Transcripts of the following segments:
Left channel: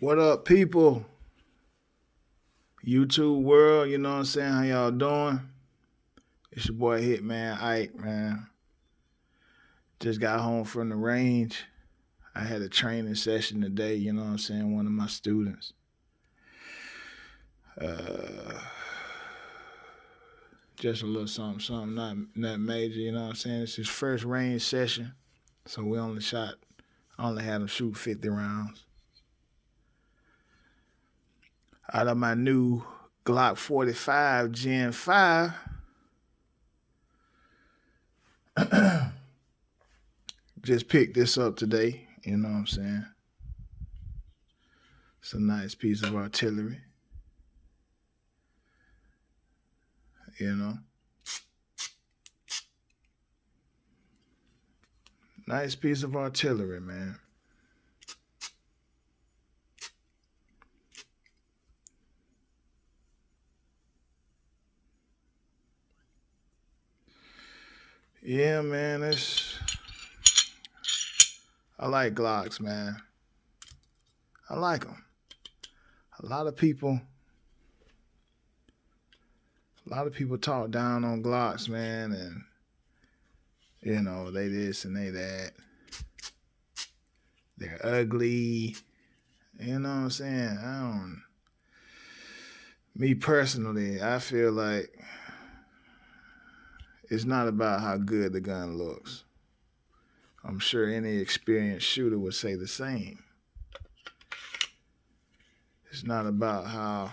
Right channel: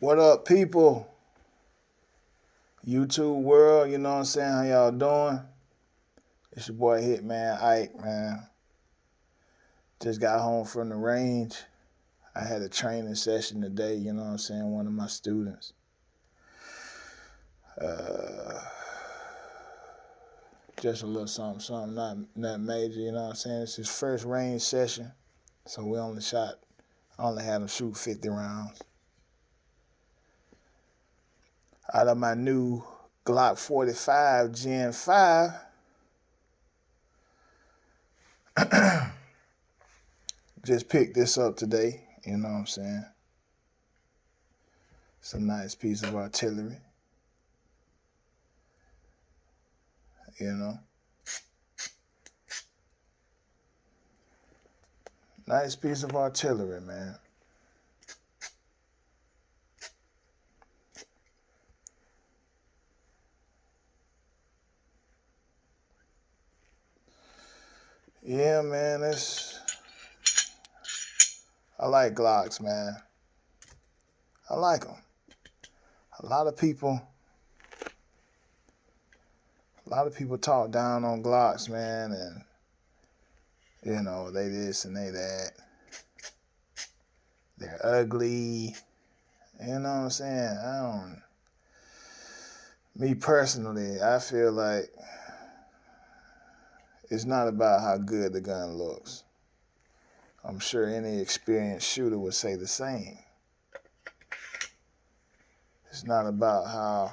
What up, people? YouTube world, you know what I'm saying? How y'all doing? It's your boy Hitman Ike, man. Just got home from the range. I had a training session today, you know what I'm saying? One of my students. Uh, just a little something, not major, you know what I'm saying? It's his first range session. So I only had him shoot 50 rounds. Out of my new Glock 45 Gen 5, just picked this up today, you know what I'm saying? It's a nice piece of artillery, you know. Nice piece of artillery, man. Yeah, man, I like Glocks, man. I like them. A lot of people, a lot of people talk down on Glocks, man, and they this and they that. They're ugly. You know what I'm saying? Me personally, I feel like it's not about how good the gun looks. I'm sure any experienced shooter would say the same. It's not about how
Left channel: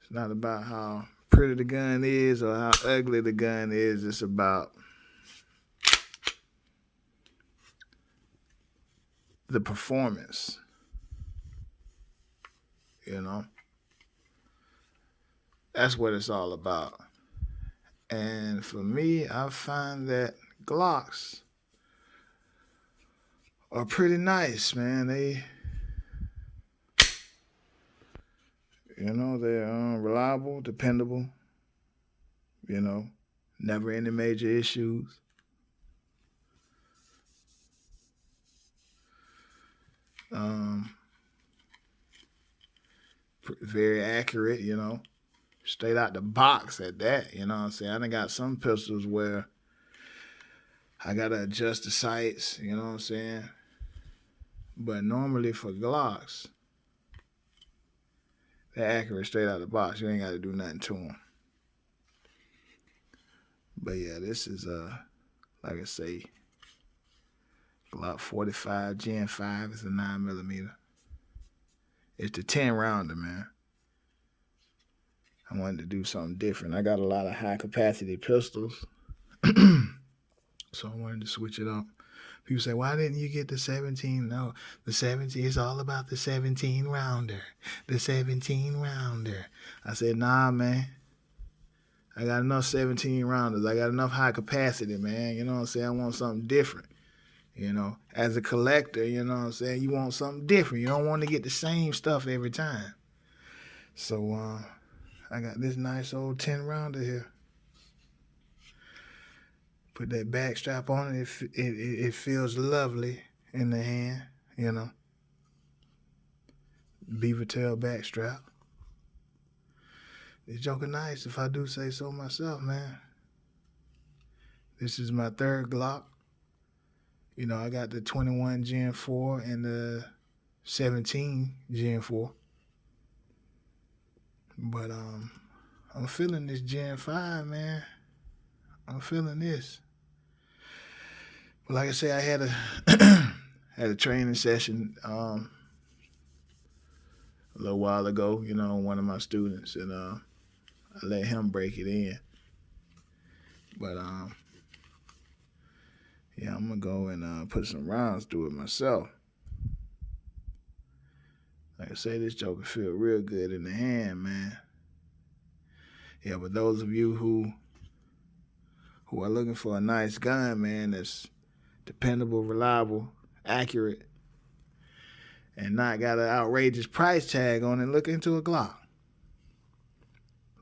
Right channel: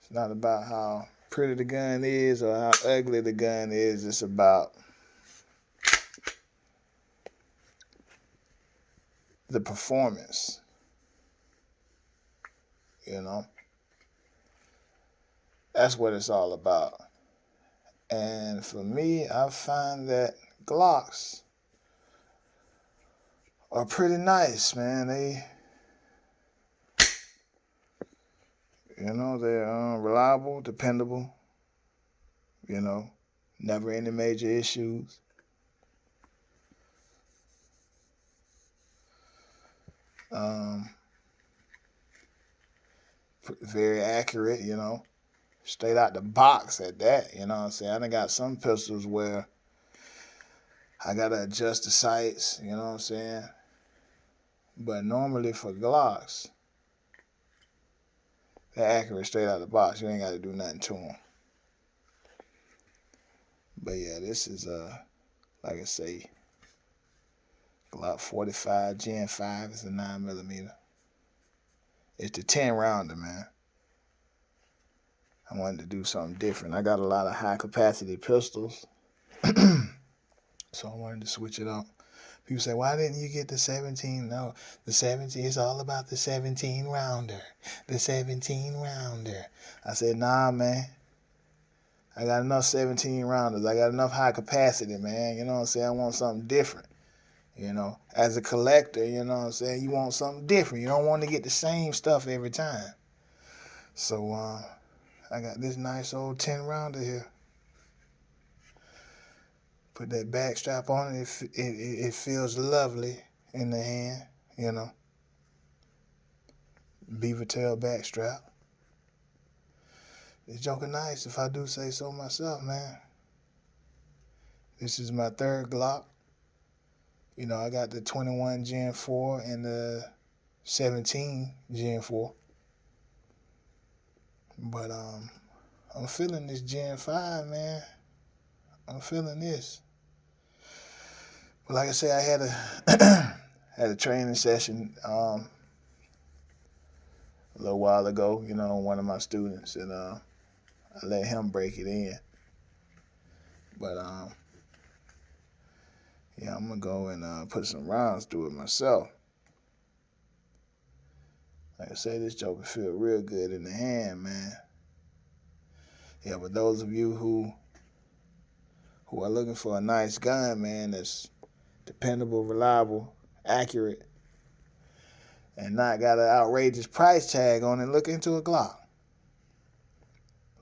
it's not about how pretty the gun is or how ugly the gun is. It's about the performance. You know? That's what it's all about. And for me, I find that Glocks are pretty nice, man. They're reliable, dependable. Never any major issues. Um, Very accurate, straight out the box at that. You know what I'm saying? I done got some pistols where I gotta adjust the sights. You know what I'm saying? But normally for Glocks, they're accurate straight out the box. You ain't got to do nothing to them. But yeah, this is like I say, Glock 45 Gen 5 is a 9mm. It's the 10 rounder, man. I wanted to do something different. I got a lot of high capacity pistols, so I wanted to switch it up. People say, why didn't you get the 17? No, the 17 is all about the 17 rounder. The 17 rounder. I said, nah, man. I got enough 17 rounders. I got enough high capacity, man. You know what I'm saying? I want something different. As a collector, you know what I'm saying? You want something different. You don't want to get the same stuff every time. So I got this nice old 10 rounder here. Put that back strap on it. It feels lovely in the hand, Beaver tail back strap. This joker nice, if I do say so myself, man. This is my third Glock. I got the 21 Gen 4 and the 17 Gen 4. But I'm feeling this Gen 5, man. I'm feeling this. But like I say, I had a had a training session a little while ago, one of my students, and I let him break it in. But yeah, I'm gonna go and put some rounds through it myself. Like I say, this joker feel real good in the hand, man. Yeah, but those of you who are looking for a nice gun, man, that's dependable, reliable, accurate, and not got an outrageous price tag on it, look into a Glock.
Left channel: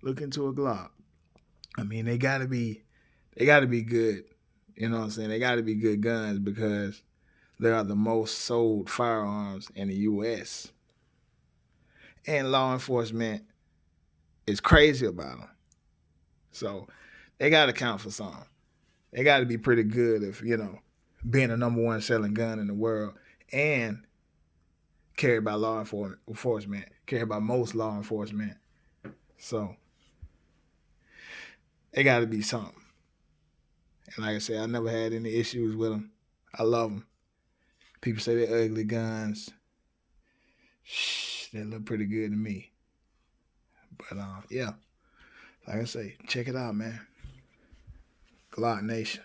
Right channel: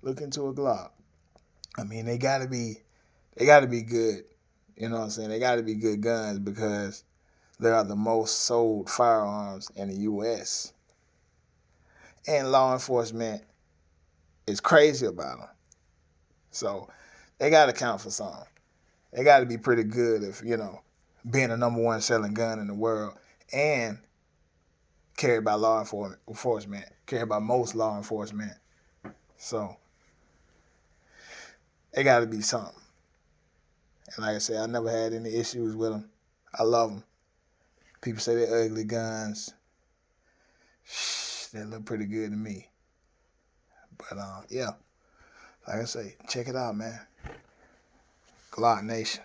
Look into a Glock. I mean, they gotta be good. You know what I'm saying? They gotta be good guns because They are the most sold firearms in the U.S. And law enforcement is crazy about them. So they got to count for something. They got to be pretty good if, being the number one selling gun in the world and carried by law enforcement, carried by most law enforcement. So they got to be something. And like I said, I never had any issues with them. I love them. People say they're ugly guns. Shh, they look pretty good to me. But yeah, like I say, check it out, man. Glock Nation.